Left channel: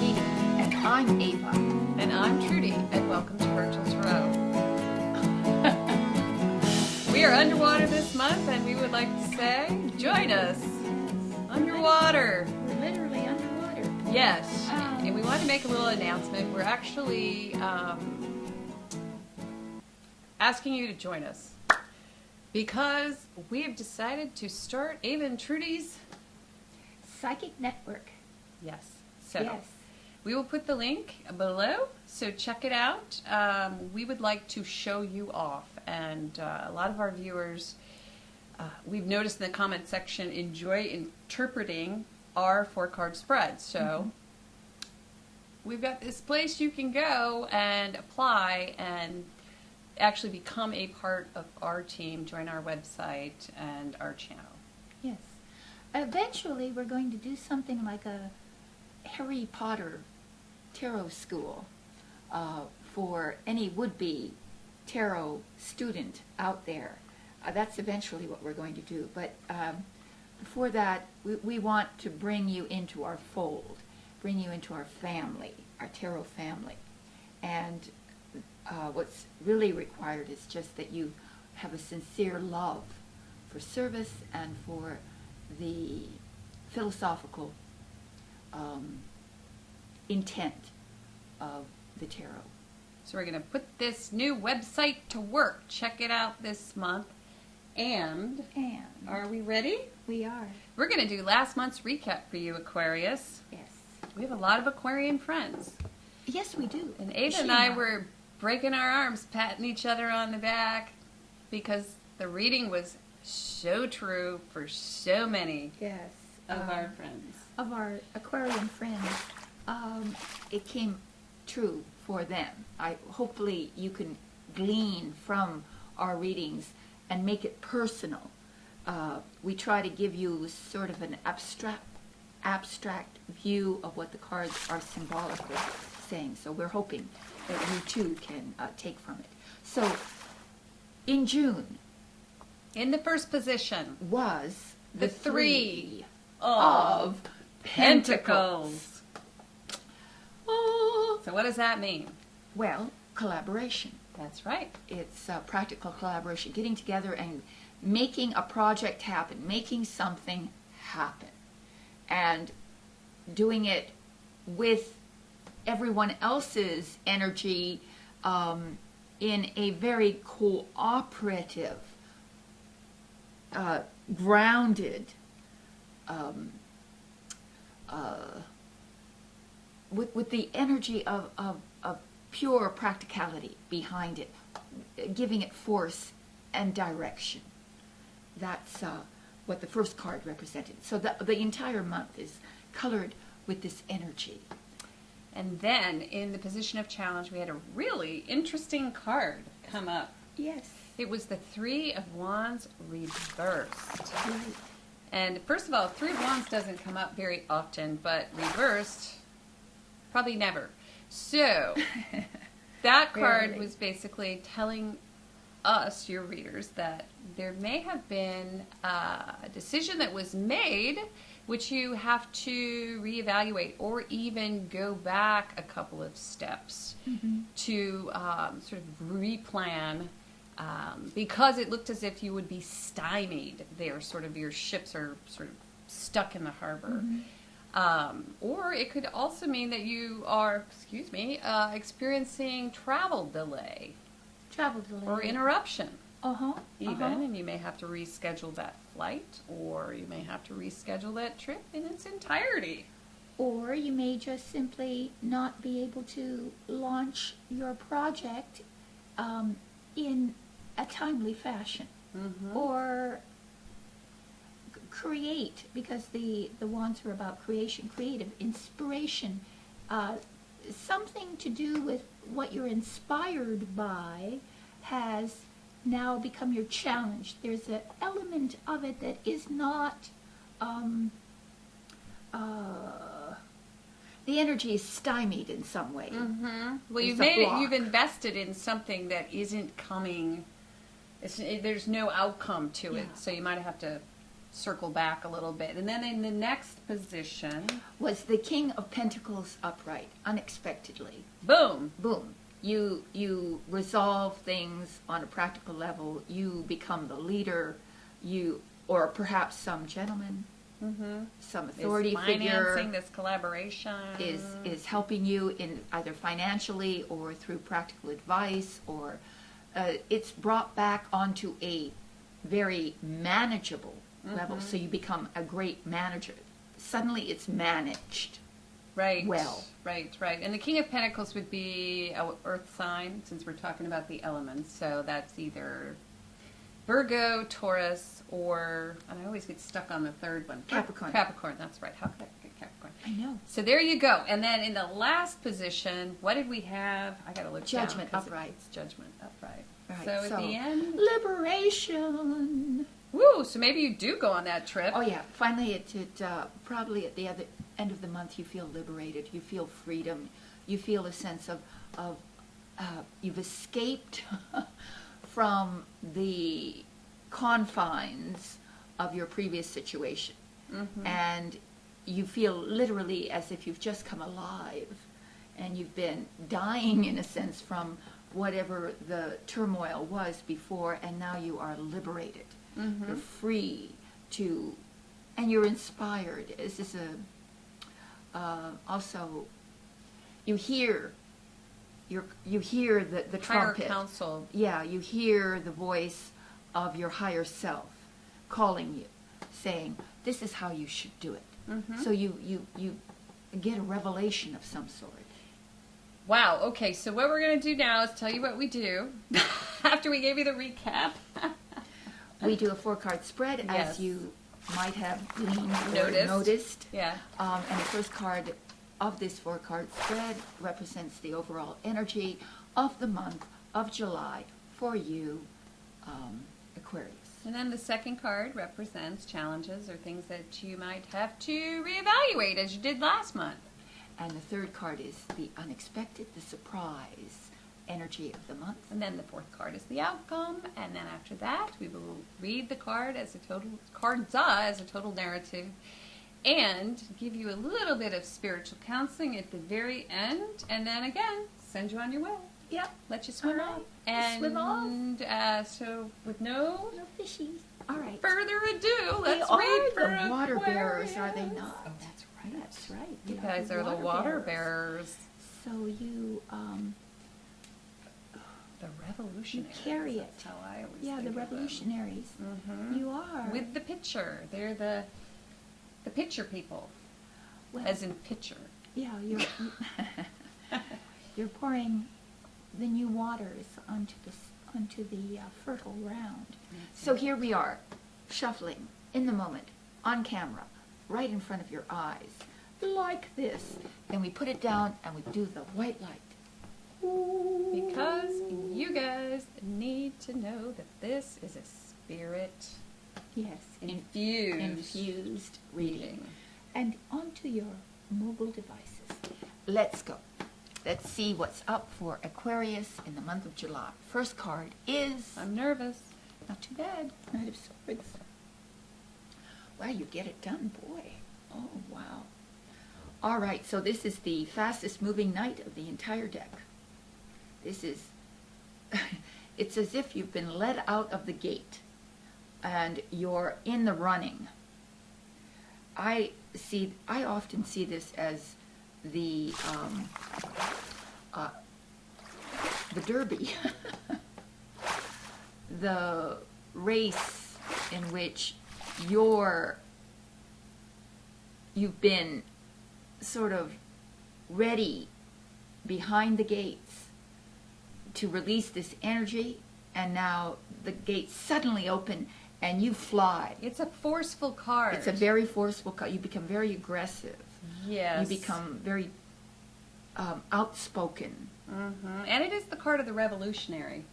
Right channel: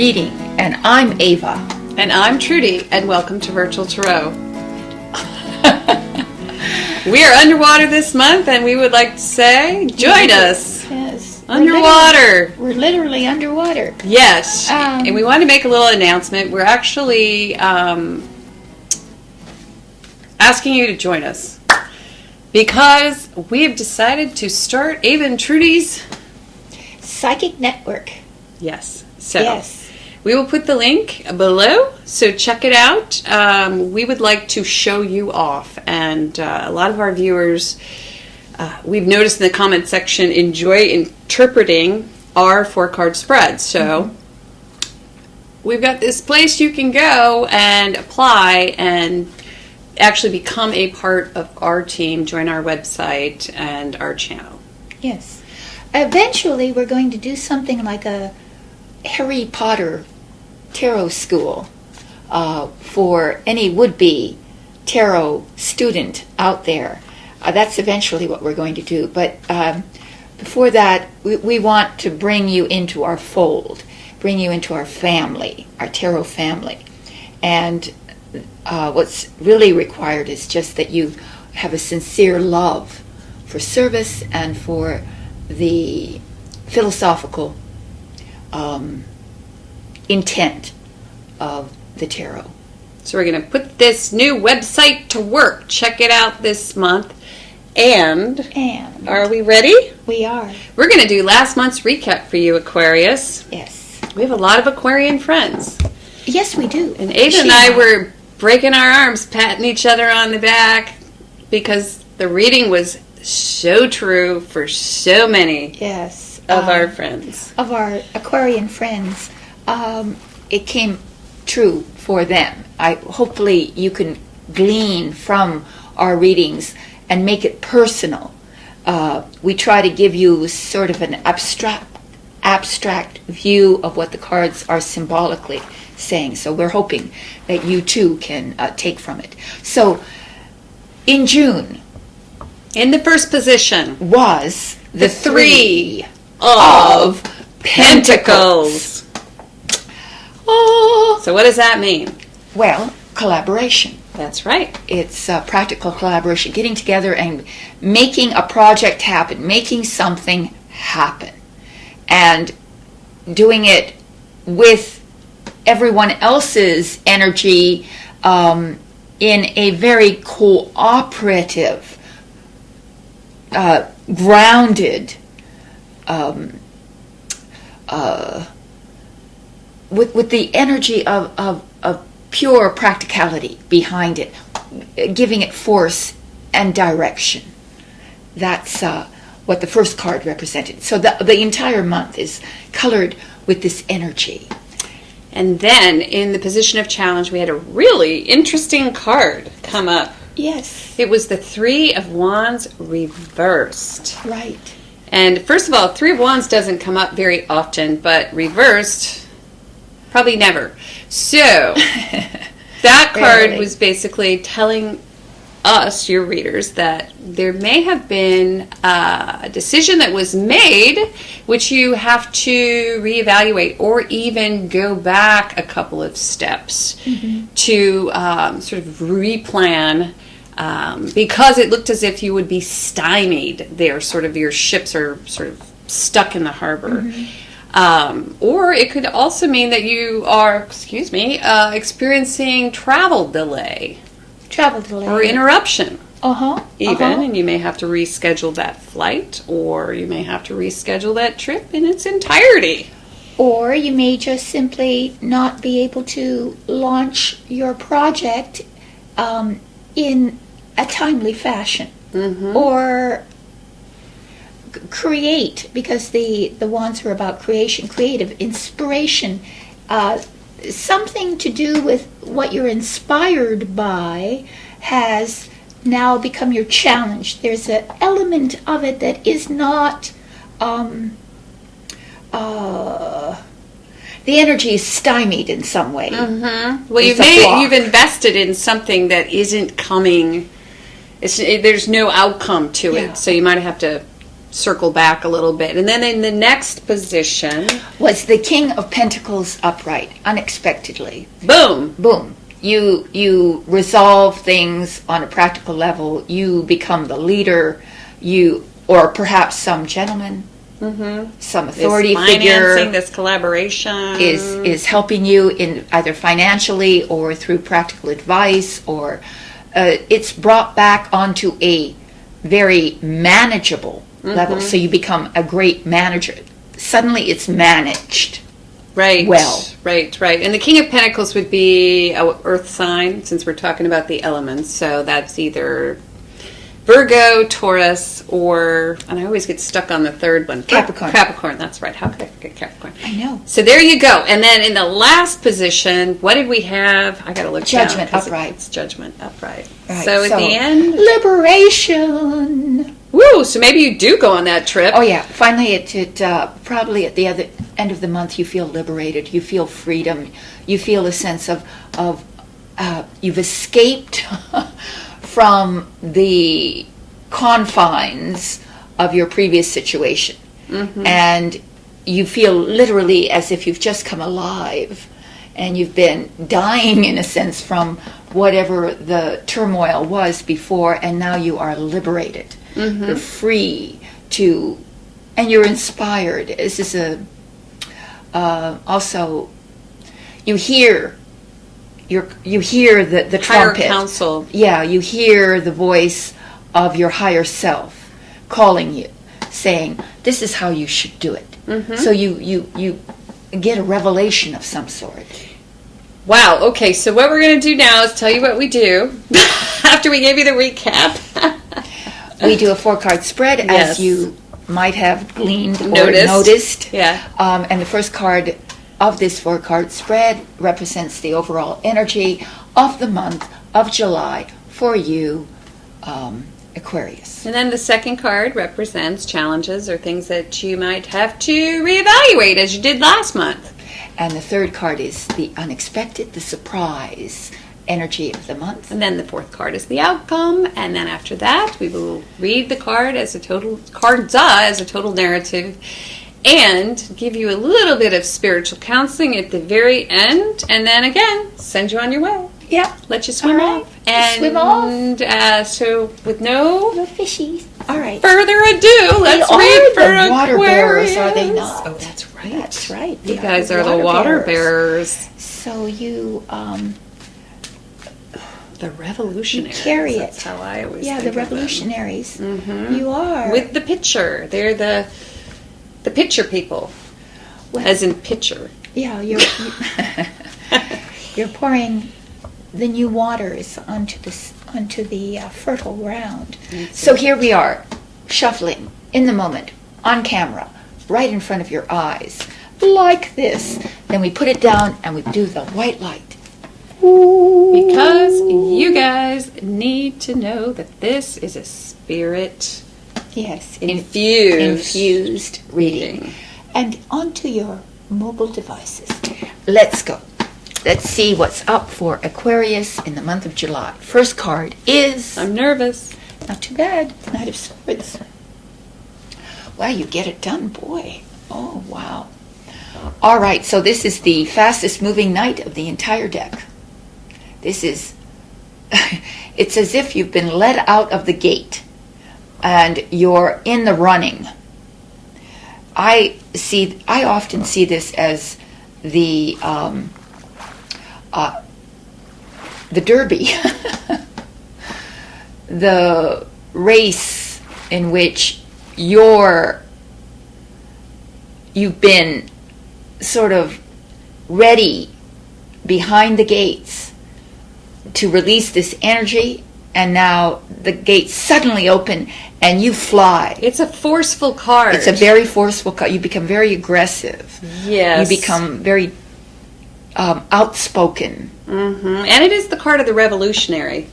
reading. And I'm Ava. And I'm Trudy, and welcome to Virtual Tarot. We are underwater this month, and we would like to say, join us. Yes. Underwater. We're literally underwater. Yes. And we want to make a little announcement. We're actually asking you to join us because we have decided to start Ava and Trudy's Psychic Network. Yes. So yes. We will put the link below, so check it out. We would like to show you off, and a lot of our viewers, we've noticed in the comment section, enjoy interpreting our 4-card spreads. So we've got this place you can go and apply and actually become a part of our team, join our website and our channel. Yes. Eventually, we're going to do something like a Harry Potter tarot school for any would-be tarot student out there. That's eventually what we're going to do. But before that, we want to bring you into our fold, bring you into our family, our tarot family. And what's really required is just that you have a sincere love for service and for the philosophical intent of the tarot. So we're going to put this new website to work. Check it out this month. And are we ready? We are. We're going to do last month's recap for you, Aquarius. Yes. We have a lot of Aquarian friends. Yes, we do. And Ava and I were breaking our arms, patting each other on the back because the reading was so true for so many of our friends. Of our Aquarian friends. It came true for them. Hopefully you can glean from our readings and make it personal. We try to give you sort of an abstract view of what the cards are symbolically saying. So we're hoping that you too can take from it. So in June, in the first position was the Three of Pentacles. Oh. So what does that mean? Well, collaboration. That's right. It's practical collaboration, getting together and making a project happen, making something happen, and doing it with everyone else's energy in a very cooperative, grounded, with the energy of pure practicality behind it, giving it force and direction. That's what the first card represented. So the entire month is colored with this energy. And then in the position of challenge, we had a really interesting card come up. Yes. It was the Three of Wands reversed. Right. And first of all, Three of Wands doesn't come up very often, but reversed, probably never. So that card was basically telling us, your readers, that there may have been a decision that was made which you have to reevaluate or even go back a couple of steps to sort of replan because it looked as if you would be stymied there, sort of your ships are sort of stuck in the harbor. Or it could also mean that you are, experiencing travel delay. Or interruption. Even, and you may have to reschedule that flight, or you may have to reschedule that trip in its entirety. Or you may just simply not be able to launch your project in a timely fashion. Or create, because the wands are about creation, creative inspiration, something to do with what you're inspired by has now become your challenge. There's an element of it that is not the energy is stymied in some way. Well, you've invested in something that isn't coming. There's no outcome to it, so you might have to circle back a little bit. And then in the next position was the King of Pentacles upright, unexpectedly. Boom. Boom. You resolve things on a practical level. You become the leader. Or perhaps some gentleman, some authority figure, this collaboration is helping you in either financially or through practical advice, or it's brought back onto a very manageable level. So you become a great manager. Suddenly it's managed. Right. Well. Right. And the King of Pentacles would be a earth sign, since we're talking about the elements. So that's either Virgo, Taurus, and I always get stuck on the third one. Capricorn. Capricorn, that's right. How could I forget Capricorn? I know. So there you go. And then in the last position, what did we have? I got to look Judgment down, upright. It's Judgment upright. Right. So at the end, liberation. Woo! So maybe you do go on that trip. Oh yeah. Finally, probably at the other end of the month, you feel liberated. You feel freedom. You feel a sense of you've escaped from the confines of your previous situation, and you feel literally as if you've just come alive, and you've been dying in a sense from whatever the turmoil was before, and now you are liberated. You're free to, and you're inspired. This is also you hear the Higher trumpet. counsel. Yeah, you hear the voice of your higher self calling you, saying, "This is how you should do it." So you get a revelation of some sort. Wow. Okay. So what we're going to do now is tell you what we do after we gave you the recap. We do a 4-card spread, Yes. as you might have gleaned or Noticed. noticed. Yeah. And the first card of this 4-card spread represents the overall energy of the month of July for you, Aquarius. And then the second card represents challenges or things that you might have to reevaluate as you did last month. And the third card is the unexpected, the surprise energy of the month. And then the fourth card is the outcome. And then after that, we will read the card as a total narrative and give you a little bit of spiritual counseling at the very end. And then again, send you on your way. Yeah. Let you swim All right. off. And Swim off. So with no Little fishies. All right. further ado, let's read for the water bearers, Aquarius. are they not? Oh, that's right. That's right. You They guys are the water bearers. So you, The revolutionaries. You carry That's it. how I always yeah, think the of them. revolutionaries. Mhm. You are. With the pitcher. They're the pitcher people. Well, As in pitcher. yeah, you're pouring the new waters onto the fertile ground. So here we are, shuffling in the moment, on camera, right in front of your eyes, like this. Then we put it down and we do the white light. Because you guys need to know that this is a spirit Yes, infused reading. And onto your mobile devices. Let's go. Let's see what's up for Aquarius in the month of July. First card is... I'm nervous. Not too bad. Knight of Swords. Wow, you get it done, boy. Oh, wow. All right, so this is the fastest moving knight of the entire deck. This is... It's as if you've been let out of the gate and you're in the running. I often see this as the Derby, the race in which you've been sort of ready behind the gates to release this energy, and now the gates suddenly open and you fly. It's a forceful card. It's a very forceful card. You become very aggressive. Yes. You become very outspoken. Mm-hmm. And it is the card of the revolutionary.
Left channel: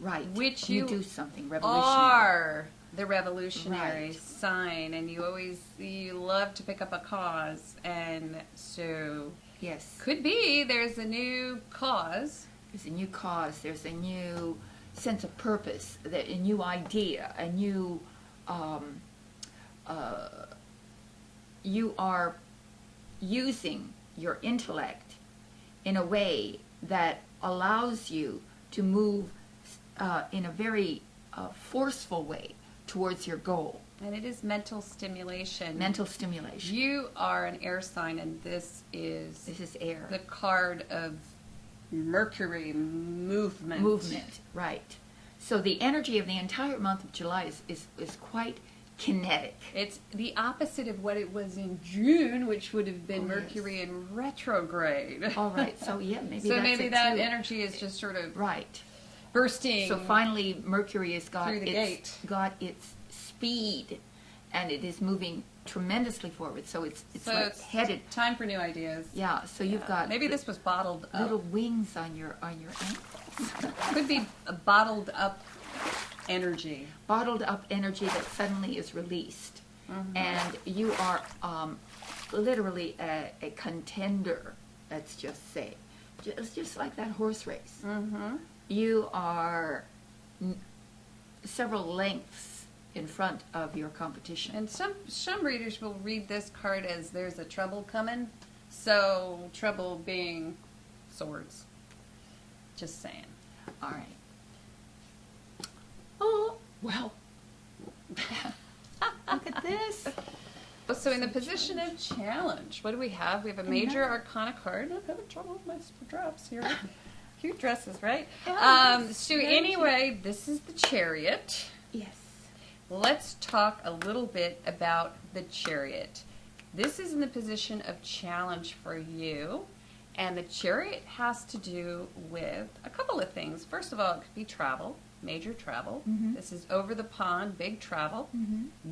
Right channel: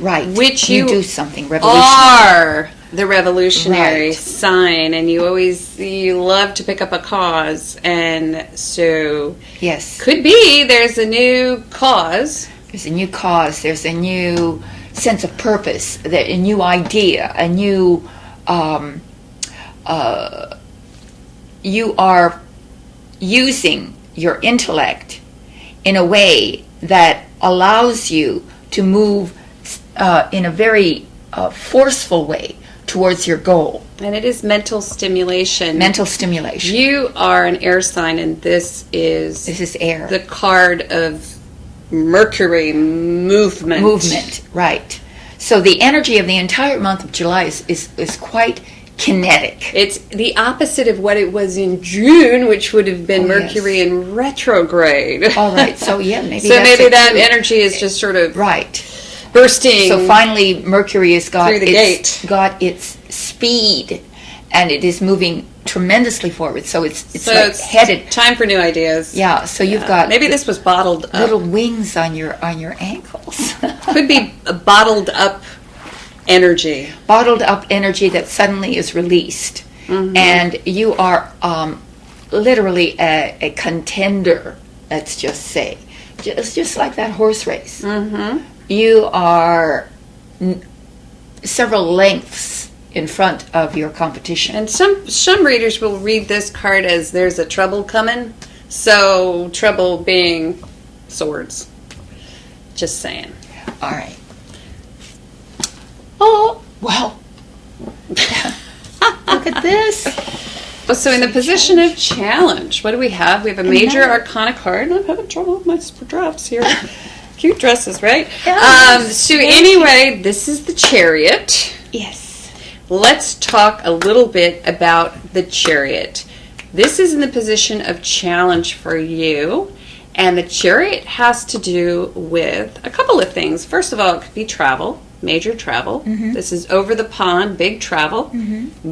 Right. Which you you do something revolutionary. Are the revolutionary Right. sign, and you love to pick up a cause, and so Yes. could be there's a new cause. There's a new cause. There's a new sense of purpose. A new idea. A new you are using your intellect in a way that allows you to move in a very forceful way towards your goal. And it is mental stimulation. Mental stimulation. You are an air sign, and this is air. The card of Mercury movement. Movement, right. So the energy of the entire month of July is quite kinetic. It's the opposite of what it was in June, which would have been Mercury in retrograde. All right. So yeah, maybe that energy is just sort of bursting. So finally, Mercury has got its speed, and it is moving tremendously forward. So it's headed. Time for new ideas. Yeah. So you've got maybe this was bottled up. Little wings on your ankles. Could be a bottled up energy. Bottled up energy that suddenly is released, and you are literally a contender. Let's just say, just like that horse race. You are several lengths in front of your competition. And some readers will read this card as there's a trouble coming. So trouble being swords. Just saying. All right. Oh, well. Look at this. So in the position of challenge, what do we have? We have a major arcana card. I'm having trouble with my drafts here. Cute dresses, right? Yes. So anyway, this is the Chariot. Yes. Let's talk a little bit about the Chariot. This is in the position of challenge for you. And the Chariot has to do with a couple of things. First of all, it could be travel, major travel. This is over the pond, big travel.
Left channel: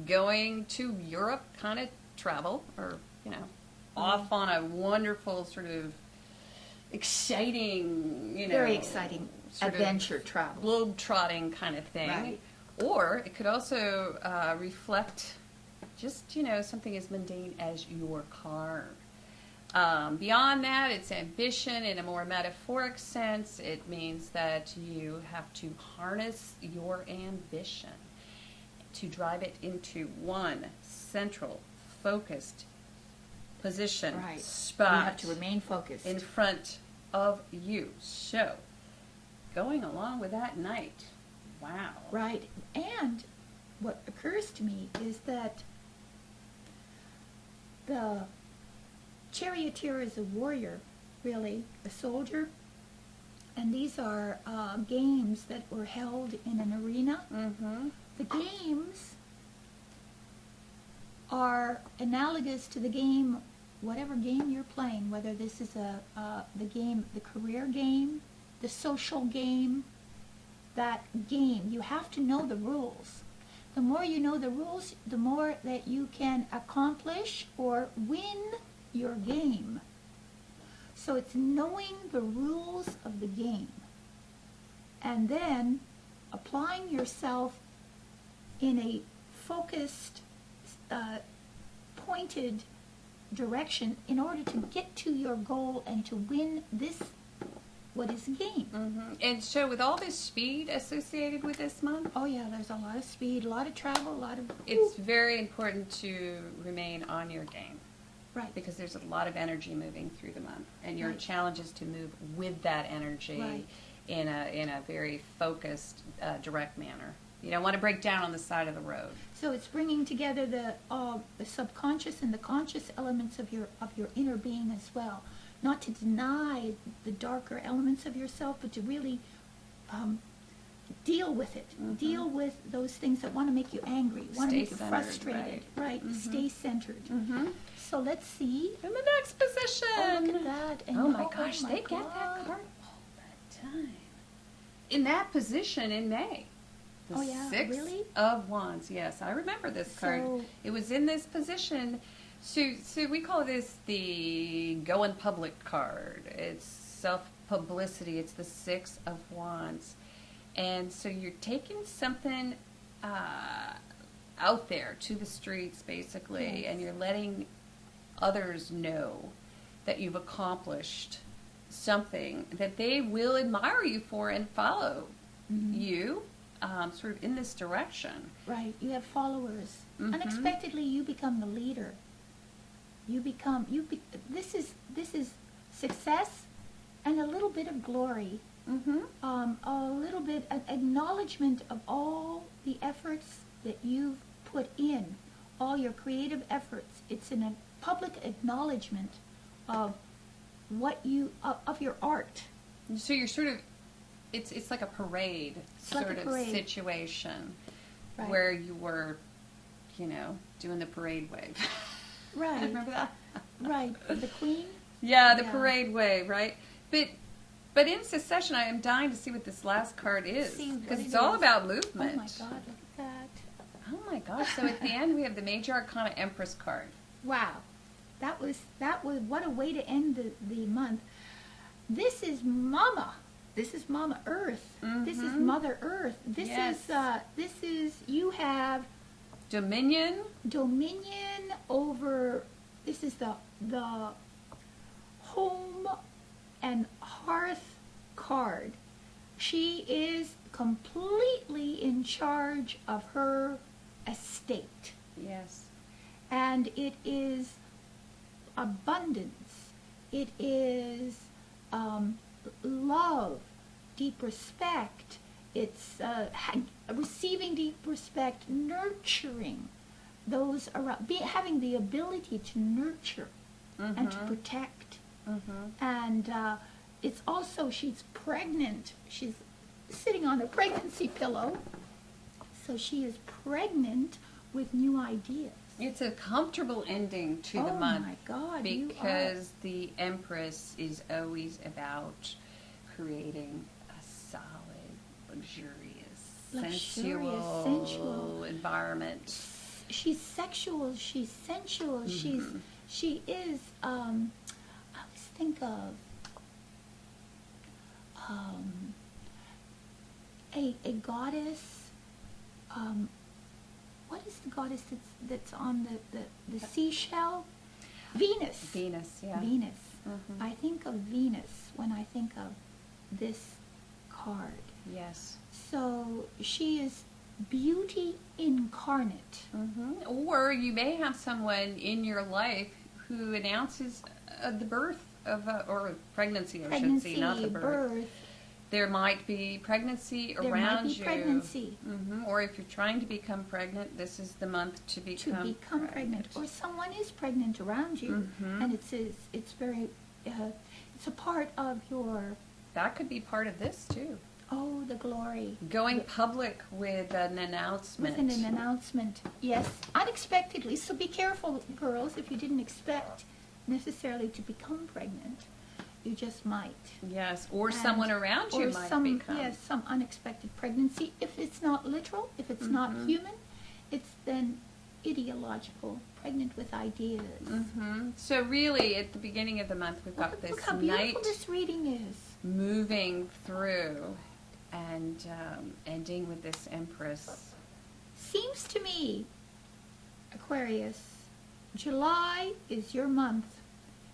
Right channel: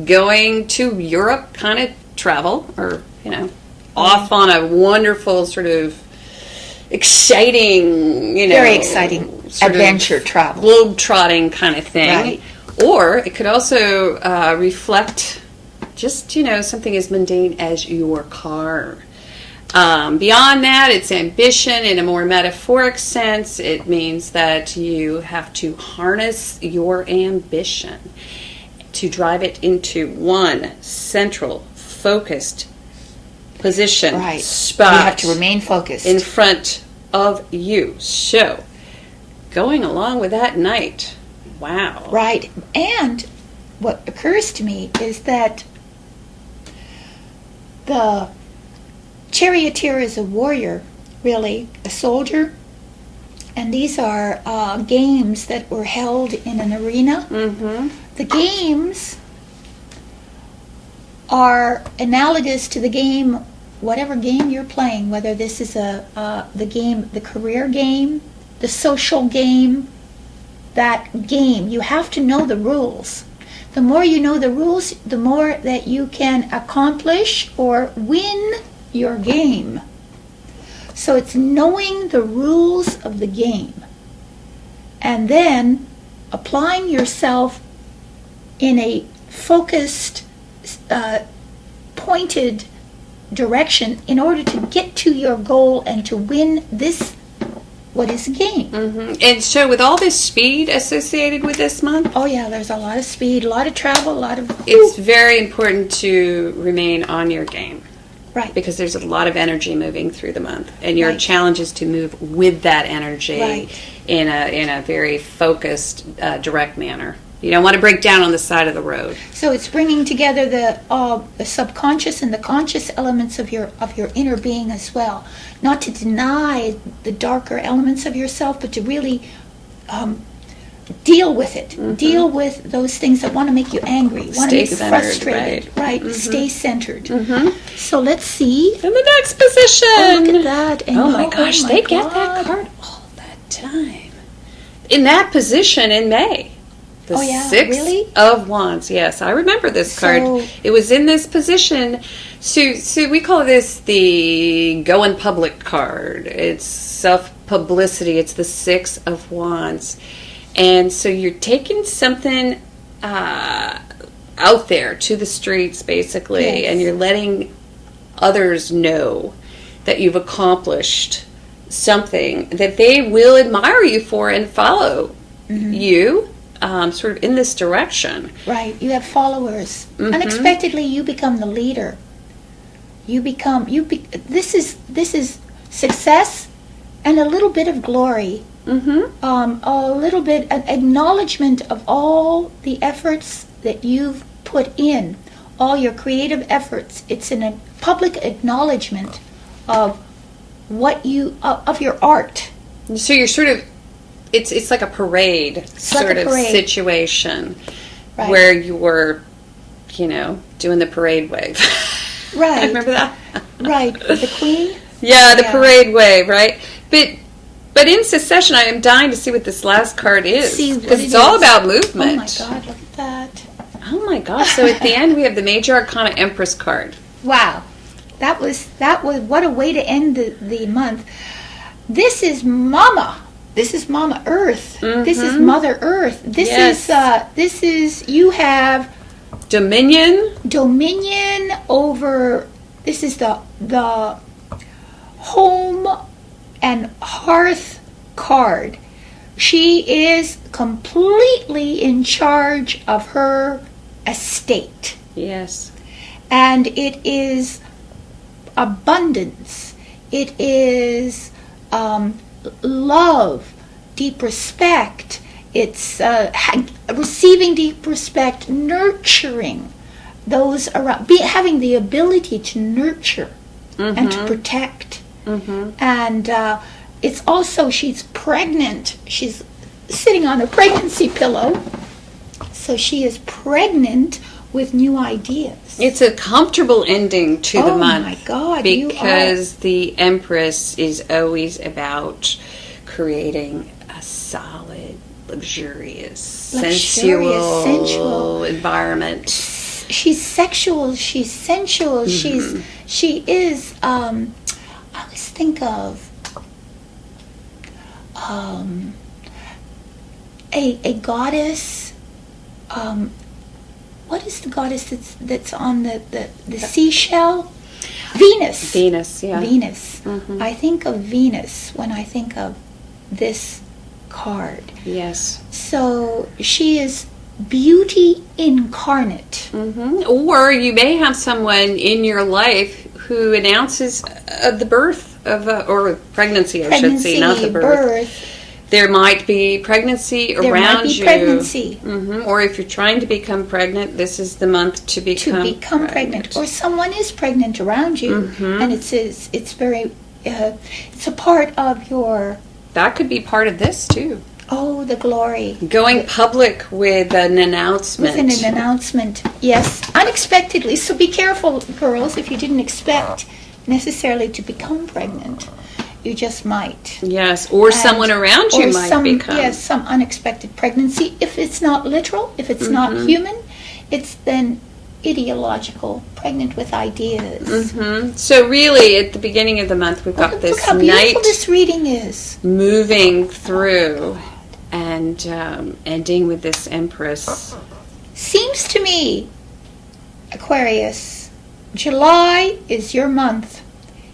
Going to Europe kind of travel, or, off on a wonderful sort of exciting, very exciting adventure travel. Globe-trotting kind of thing. Right. Or it could also reflect just, something as mundane as your car. Beyond that, it's ambition in a more metaphoric sense. It means that you have to harness your ambition to drive it into one central, focused position, spot. You have to remain focused. In front of you. So, going along with that night, wow. Right. And what occurs to me is that the charioteer is a warrior, really, a soldier. And these are games that were held in an arena. The games are analogous to the game, whatever game you're playing, whether this is the career game, the social game, that game. You have to know the rules. The more you know the rules, the more that you can accomplish or win your game. So it's knowing the rules of the game and then applying yourself in a focused, pointed direction in order to get to your goal and to win this, what is a game. And so with all this speed associated with this month? Oh yeah, there's a lot of speed, a lot of travel, a lot of... It's very important to remain on your game. Right. Because there's a lot of energy moving through the month. And your challenge is to move with that energy in a very focused, direct manner. You don't want to break down on the side of the road. So it's bringing together the subconscious and the conscious elements of your inner being as well. Not to deny the darker elements of yourself, but to really deal with it. Deal with those things that want to make you angry, want to make you frustrated. Right. Stay centered. So let's see. In the next position. Oh, look at that. And oh my gosh, they get that card all that time. In that position in May. The Six of Wands. Yes, I remember this card. It was in this position. So we call this the go in public card. It's self-publicity. It's the Six of Wands. And so you're taking something out there to the streets, basically, and you're letting others know that you've accomplished something that they will admire you for and follow you. sort of in this direction. Right. You have followers. Mhm. Unexpectedly, you become the leader. This is success and a little bit of glory. A little bit an acknowledgement of all the efforts that you've put in, all your creative efforts. It's a public acknowledgement of what of your art. So you're sort of, it's like a parade sort of situation, Right. where you were, doing the parade wave. Right. Remember that? Right. The Queen? Yeah, the Yeah. parade wave, right? But in Secession, I am dying to see what this last card is, See what because it it's all is. about Oh movement. my God, look at that. Oh my gosh! So at the end, we have the Major Arcana Empress card. Wow. That was what a way to end the month. This is Mama. This is Mama Earth. This is Mother Earth. This is you have dominion over. This is the home and hearth card. She is completely in charge of her estate. Yes. And it is abundance. It is love, deep respect. It's receiving deep respect, nurturing those around, having the ability to nurture and to protect. And it's also, she's pregnant. She's sitting on a pregnancy pillow. So she is pregnant with new ideas. It's a comfortable ending to the month. Oh my God. Because the Empress is always about creating a solid, luxurious, sensual environment. She's sexual, she's sensual, she is, I always think of a goddess. What is the goddess that's on the seashell? Venus. Venus, yeah. Venus. I think of Venus when I think of this card. Yes. So she is beauty incarnate. Or you may have someone in your life who announces the birth of or pregnancy, I should say, not the birth. There might be pregnancy around you. There might be pregnancy. Or if you're trying to become pregnant, this is the month to become pregnant. Or someone is pregnant around you, and it's very it's a part of your. That could be part of this too. Oh, the glory. Going public with an announcement. With an announcement, yes, unexpectedly. So be careful, girls, if you didn't expect necessarily to become pregnant. You just might. Yes, or someone around you might become. Yes, some unexpected pregnancy. If it's not literal, if it's not human, it's then ideological, pregnant with ideas. So really, at the beginning of the month, we've got this Look how beautiful this reading is. Moving through and ending with this Empress. Seems to me, Aquarius, July is your month.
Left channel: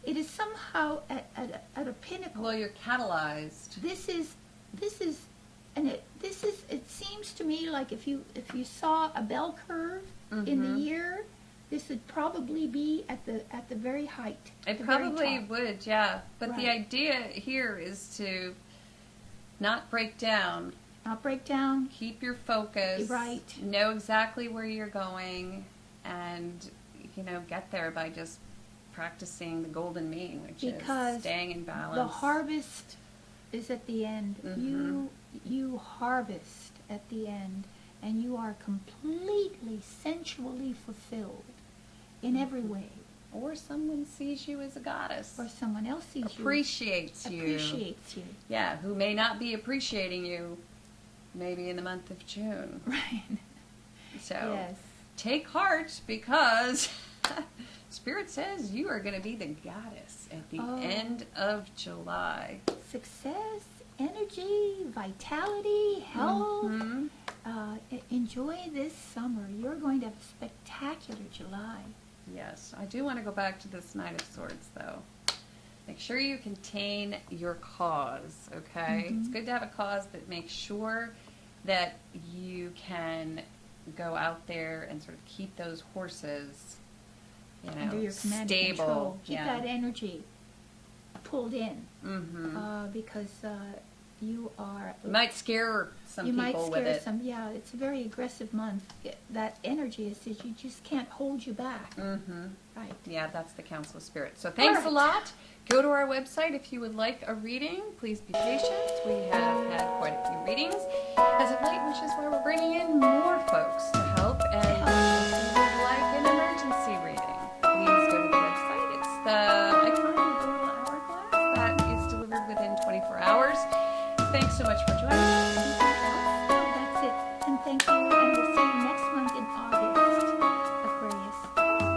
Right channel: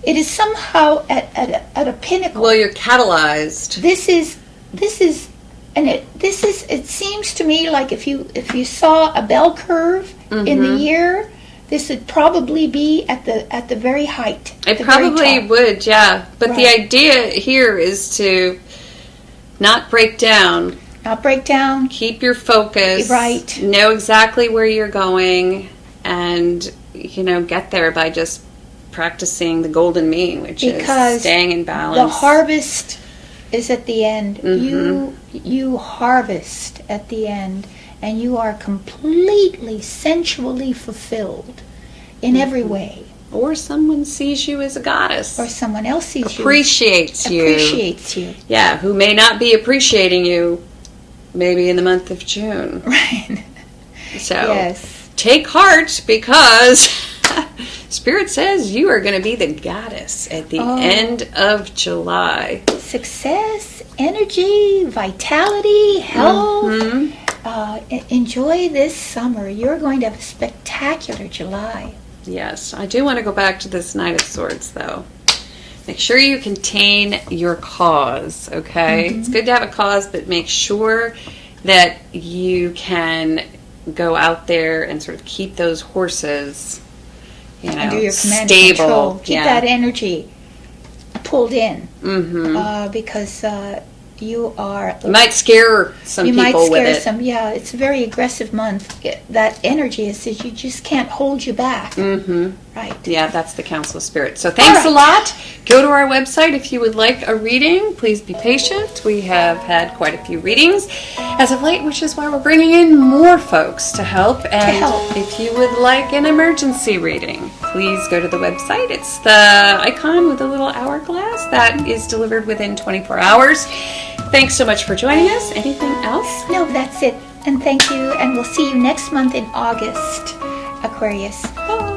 It is somehow at a pinnacle. Well, you're catalyzed. It seems to me like if you saw a bell curve in the year, this would probably be at the very height. It probably would, yeah. But the idea here is to not break down. Not break down. Keep your focus. Right. Know exactly where you're going, and get there by just practicing the golden mean, which is staying in balance. The harvest is at the end. You harvest at the end, and you are completely sensually fulfilled in every way. Or someone sees you as a goddess. Or someone else sees you. Appreciates you. Yeah, who may not be appreciating you maybe in the month of June. Right. So yes. Take heart, because Spirit says you are going to be the goddess at the end of July. Success, energy, vitality, health. Enjoy this summer. You're going to have a spectacular July. Yes, I do want to go back to this Knight of Swords, though. Make sure you contain your cause, okay? It's good to have a cause, but make sure that you can go out there and sort of keep those horses, under your command and stable. control. Keep that energy pulled in, Mm-hmm. because you are. You might scare some you people might scare with it. some. Yeah, it's a very aggressive month. That energy is that you just can't hold you back. Mm-hmm. Right. Yeah, that's the Council of Spirit. So thanks a lot. Go to our website if you would like a reading. Please be patient. We have had quite a few readings as of late, which is why we're bringing in more folks to help. And if you would like an emergency reading, please go to the website. It's the icon with the little hourglass that is delivered within 24 hours. Thanks so much for joining us. Anything else? No, that's it. And thank you. And we'll see you next month in August, Aquarius. Bye.